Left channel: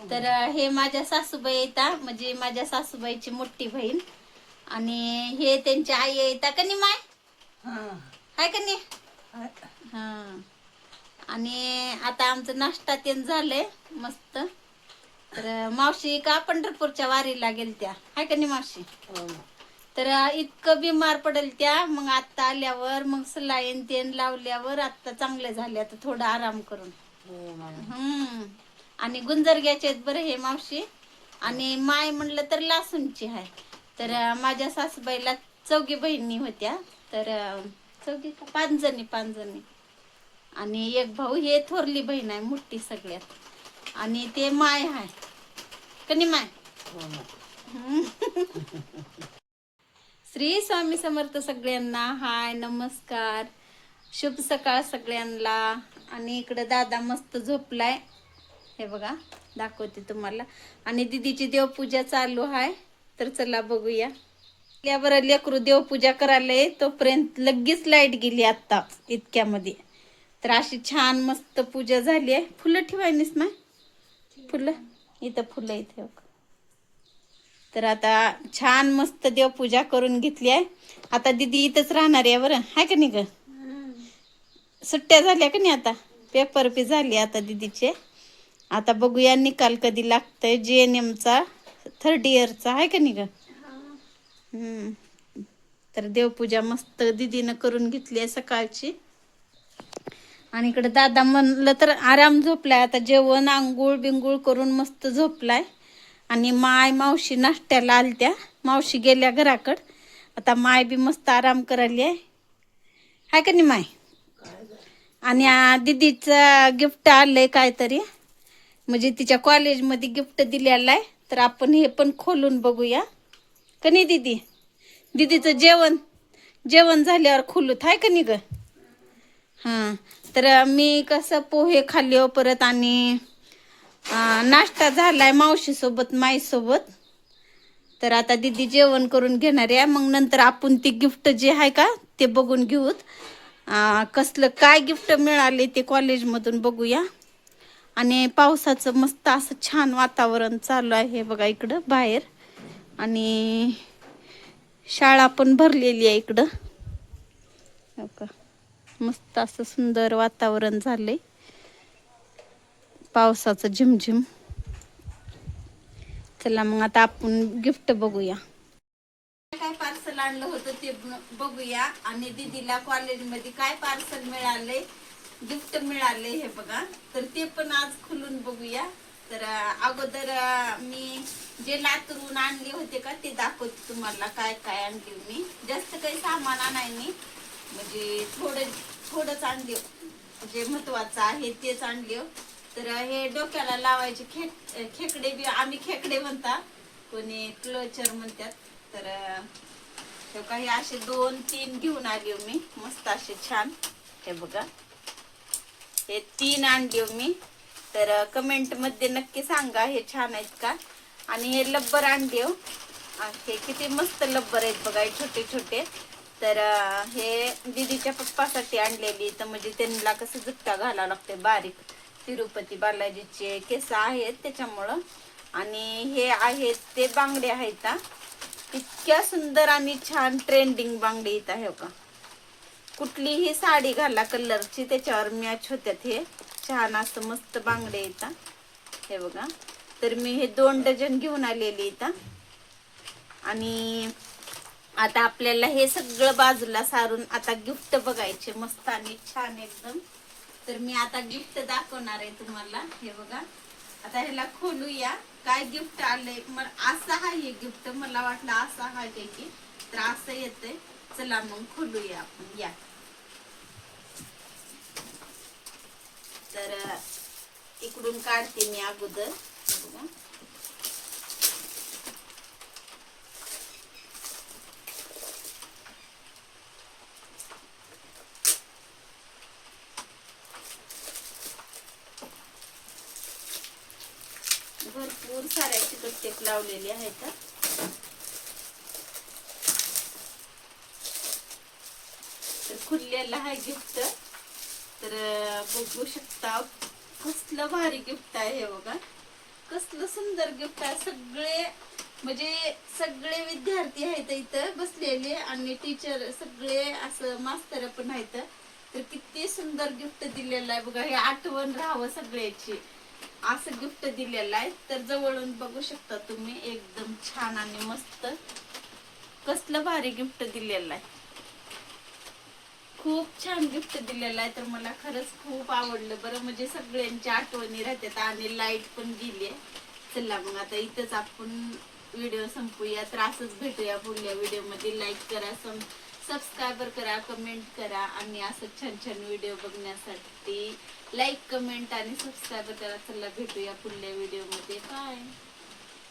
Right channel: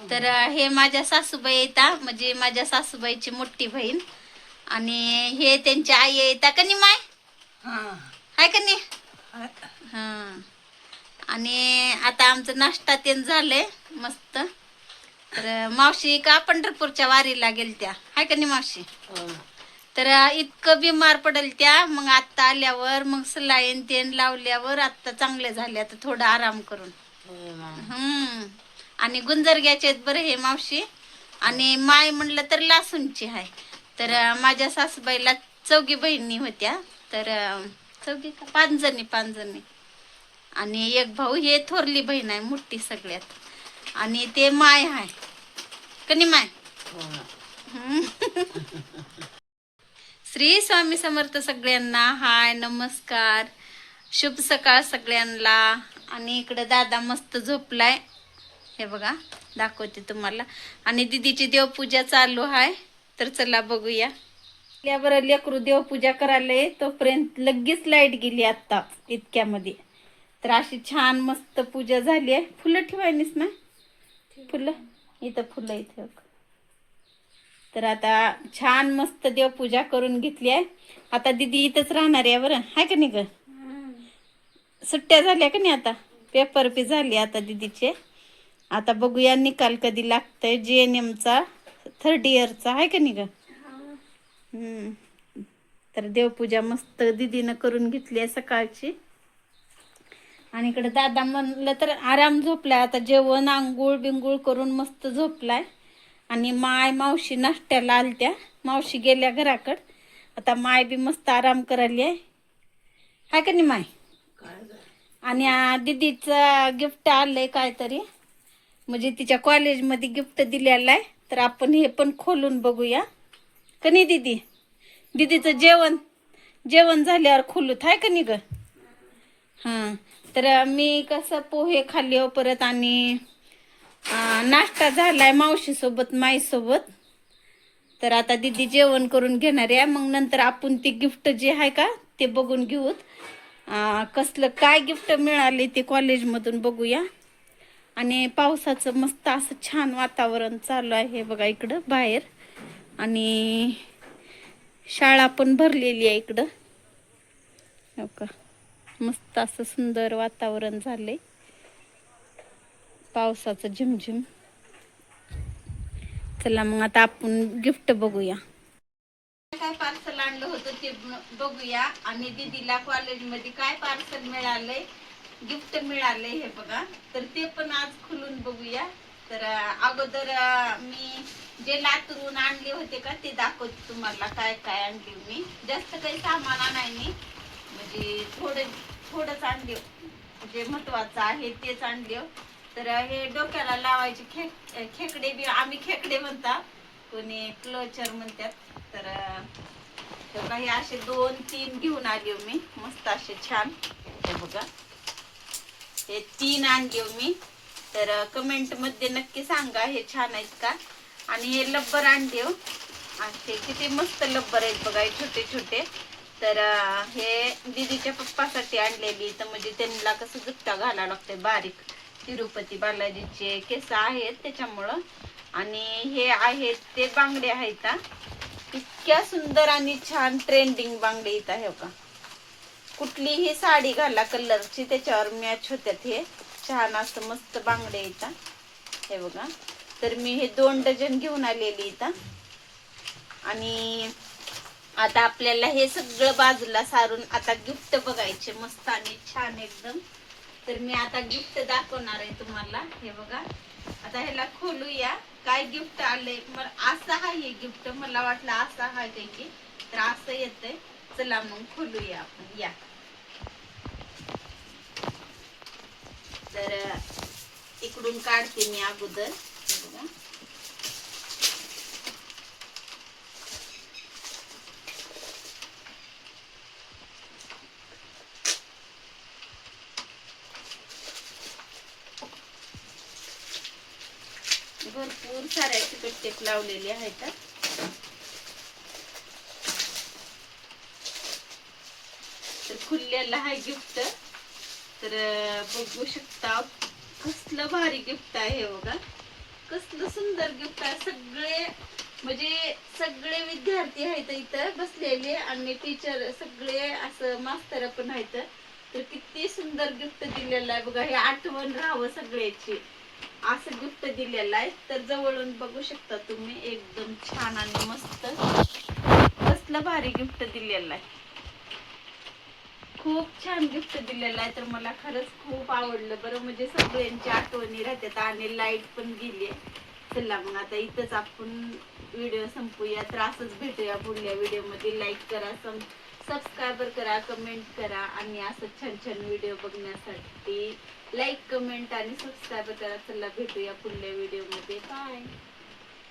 तर हे माझ्या सासूबाई येतात, म्हणजे माझ्या सासूबाईची मोठी बहीण, आणि हे त्यांची आई येतात का नाही माय, हाय का नाही. हा, आणि आता आमचं नाश्ता तेन झालंय मस्त. तर मावशी का पंढरपूरच्या वारीला गेलत्या, हाय का नाही मावशी. तर इतकं बिमार पडेल त्या, मग आत्ता आल्यावर मग सलाईन तेन लावल्यावर आत्ता चांगले झाले, आता थोडा आराम करून. आणि गुंजरग्याचे बरं हे मावशी. आणि माय म्हणलं तर लासूनची आहे. तर माझ्या सासूबाईला चौघी बहिणी होत्या. तर चौघी का 5 जणी, 5 जणी. आणि एक भाऊ, हे थोरली बहीण आहे मोठी सगळ्यात. आणि ते माय आहे कनी माय. श्री स्वामी समर्थ सगळ्यांना. हाय, नमस्कार, शुभ सकाळ सगळ्यांना. आणि इकडं दादा मस्त झोपलाय, हे बघा दाखवते तुम्हाला. आणि दीदीची देवपूजा चालू आहे. तर चला बघूया. यावर लेकरू देवपूजा करायला, तोपर्यंत लगेच लाईट गेली आता इतक्यामध्ये. तर अशी छान मस्त पूजा झाली आहे. फुलं ठेवायनीस ना, फुलं इथं, फुलं इथे. तर आता छान मस्त देवपूजा करून घेतली आहे. आता दीदी इथंच राहणार आहे बरं, हाय का नाही ग. सुट्ट्या झाल्या का नाही, आता पेपर बी झाले आता दीदीचे. आता बघूया निकाल कधी लागतंय JNMचा 3rd इयरचा, आहे का नाही ग. तर देवपूजा मस्त दीदीनं करून घेतली आहे सकाळची. आणि इकडे दादा म्हणलं तर आराम झोपलाय. आता जेवण आंघोळ बिंगोळ करून मस्त झोपलाय. आणि माय मावशी नाश्त्याला आलत्या, मावशी गेल्या घराकड. आता माय बी मस्त आराम करायली आहे, हाय का नाही माय. आणि दीदीचं गिफ्ट आलंय काहीतरी, म्हणजे तिच्या कॉलेजमध्ये गिफ्ट दिलेलं आहे. तर आपण हे पण खोलून बघूया का नाही दीदी. दीदीचं जेवण झाल्यावर खोलूत, हाय का नाही ग. हां, तर मी कसं पोहे खाल्ले परत, आणि नाश्ता झालाय मावशीसोबत माईसोबत. तर आता दीदी जेवण करून घेणार आहे. मग नंतर आपण ती गिफ्ट जे आहे का ते बघून घेऊत. कसलं काय गिफ्ट मिळाले ते कॉलेजमधून बघूया. आणि पावसाचं मस्त असं छान वातावरण चालू आहे बघा इकडं बाहेर. आणि शाळा पण भरलेली आहे इकडं, हो का. मस्त असं सुंदर वातावरण झालंय, पावसाचं झिमझिम. चला मग आता आपण गिफ्ट बघूया. काय पार्सल आणलं होतं ते बघूया. आणि दीदीला कॉलेजमध्ये काय पार्सल मिळालंय, गिफ्ट मिळाले हे बघा. तर ते पण आज खुलून बघूया. तर अगोदर मी जे लातूरून आणले होते का ते दाखवते तुम्हाला. काय काय आणले मी, जास्त काही सामान आणाय नाही, म्हणजे थोडंच आणले, जे महत्वाचं आहे तेच आणले. तर हे डोक्याला लावायचे खेकडे बी, आम्ही खेकडे म्हणतात, कोणी क्लोचर म्हणतात. तर काही असे 2-3 घेऊन आले मी, मस्त असे छान. हे बघा, हे 3 आणले मी. तर कमेंट मध्ये नक्की सांगा हे छान आहेत का. आणि हे लब्बर आणले, हे किती मस्त लब्बर आहेत बघा, छोटे छोटे. तर हे दीदीच्या पप्पासाठी आणलेली, तर म्हणजे त्यांना कसं जुत्ता घालावं लागते बारीक, तिरुपती बालाजीचे केस आहेत त्याच्यामुळं. आणि हे आहेत ते बांगडे आहेत, इतक्या सुंदर आणि छान ट्रेंडिंग बांगडे इथं आहे का. कुठलीही साडी घाला कलरची त्याच्यावर मॅच होत्यात. हे छान असं मस्त बांगडे इथं, हे बघा. तर मी हे 2 डझन घेऊन आलेली इथं. आणि आता आपल्याला हे सगळं बाजूला सारून आता गिफ्ट बघायचे मस्त आणि छान एकदम. तर मी आता गिफ्ट दाखवणार आहे तुम्हाला, हे बघा. आता ह्याला खोलूया काय गिफ्ट आले. असं आहे हे गिफ्ट, मला वाटलं असं आहे काही की, तर असं येतंय. चला मग खोलूया आपण, या. तर इकडून काढते मी अगोदर, हे बघा. भरपूर साऱ्या टेप लावलेली आहेत. तर खुललेला आहे गिफ्ट. तर बघू शकता कसलं भारी गिफ्ट आहे हे बघा. कसलं सुंदर गिफ्ट आहे. सगळे म्हणजे सगळे विद्यार्थी आहेत इथं बसलेले आणि टीचर सगळे असं मास्तर पण आहेत. तर किती सुंदर गिफ्ट दिलेलं आहे बघा. हे आठवण राहावं सगळ्याची असं गिफ्ट दिलेलं आहे. तर जवळून बघू शकता तुम्ही. एकदम छान आणि मस्त कसलं भारी गिफ्ट दिलेलं आहे. खूप छान गिफ्ट दिलेलं आहे. तर मला खरंच खूप आवडलं बरं. म्हणजे सगळ्यांच्या आठवणी राहतात आणि लाईट पण गेली आहे. चला मग आता इथंच आपण व्हिडिओ संपूया. तर असंच भेटूया पुढल्या व्हिडिओमध्ये. लाईक करा, सबस्क्राईबर करा, कमेंट करा आणि असं छान छान व्हिडिओ बघण्यासाठी लाईक, कमेंट आणि सबस्क्राईबर करा. चला भेटूया पुढल्या व्हिडिओमध्ये. बाय.